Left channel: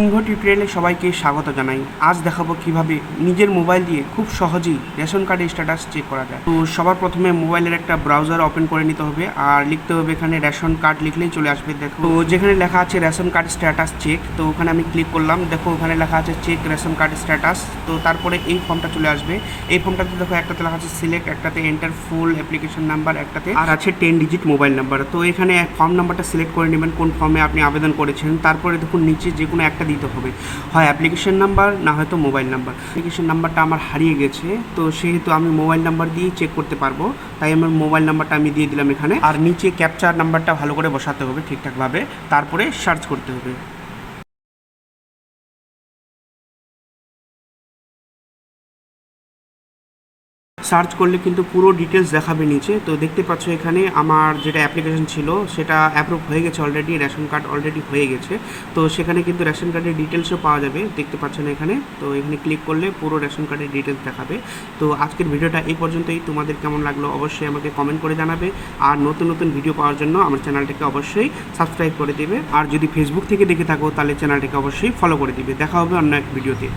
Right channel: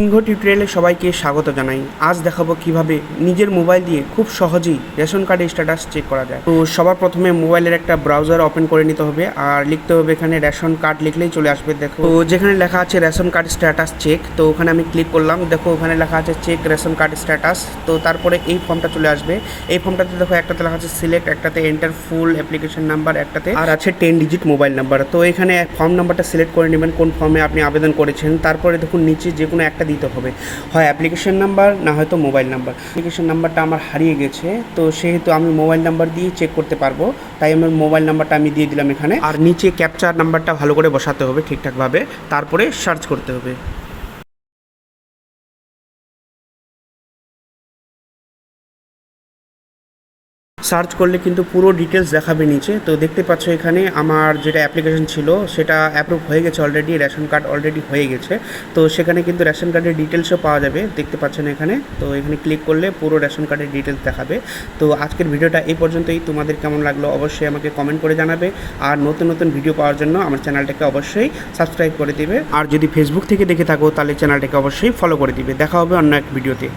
সিংহ টিউটোরিয়ালে সবাইকে স্বাগত জানাই। আজ দেখাবো কিভাবে নিজের মোবাইল দিয়ে খুব সহজেই রেশন কার্ডের স্ট্যাটাস চেক করা যায়। তো সবার প্রথমে মোবাইলের একটা ব্রাউজার ওপেন করে নিতে হবে আর লিখতে হবে এখানে রেশন কার্ড, লিখলেই চলে আসবে। দেখো তো যেখানে লেখা আছে রেশন কার্ড স্ট্যাটাস চেক, তো ওখানে আমি ক্লিক করলাম। দেখো ওখানে লেখা আছে চেক রেশন কার্ড স্ট্যাটাস। তো তারপরে এই ফর্মটা চলে আসবে। এই ফর্মটাতে দেখো একটাতে লেখা আছে সিলেক্ট, একটাতে এন্টার ফুল অ্যাপ্লিকেশন নাম্বার, একটাতে আর আছে 10 ডিজিট মোবাইল নাম্বার। তো এখানে ফর্ম নাম্বারটা সিলেক্ট করে নেবেন কোন ফর্মে আপনি আবেদন করেছেন। তারপরে দেখুন নিচে যে কোনো একটা দিতে হবে, হয় অ্যাপ্লিকেশন নাম্বার না হয়তো মোবাইল নাম্বার। অ্যাপ্লিকেশন নাম্বারটা আমার হারিয়ে গেছে, তো সেহেতু আমি মোবাইল নাম্বার দিয়ে চেক করতে পারবো, তাই আমার মোবাইল নাম্বারটা আমি দিয়ে দিলাম এখানে। আর নিচে ক্যাপচার নাম্বারটা ভালো করে বসাতে হবে ঠিকঠাকভাবে, তারপরে সার্চ করতে হবে। সার্চ করলে কিন্তু পুরো ডিটেলস দেখাবে নিচে। তো দেখতে পাচ্ছ এখানে আমার যেটা অ্যাপ্লিকেশন ছিল সেটা অ্যাপ্রুভ হয়ে গেছে অলরেডি, রেশন কার্ড অলরেডি হয়ে গেছে। তো সেখানে কিন্তু রেশন কার্ডের ডিটেলসও পাওয়া যাবে, দেখতে পাচ্ছেন এখানে। তো এখানে ক্লিক করলে পুরো রেশন কার্ডের ডিটেলস দেখাবে। তো আজকের ভিডিওটা এই পর্যন্তই। তোমাদের কেমন লাগলো অবশ্যই আমাকে কমেন্ট করে জানাবে। আর নতুন নতুন ভিডিও পাওয়ার জন্য আমার চ্যানেলটাকে অবশ্যই সাবস্ক্রাইব করে দিবে। আর যদি ফেসবুক থেকে দেখে থাকো তাহলে চ্যানেলটাকে অবশ্যই ফলো করে দিবে। দেখা হবে অন্য এক ভিডিওতে।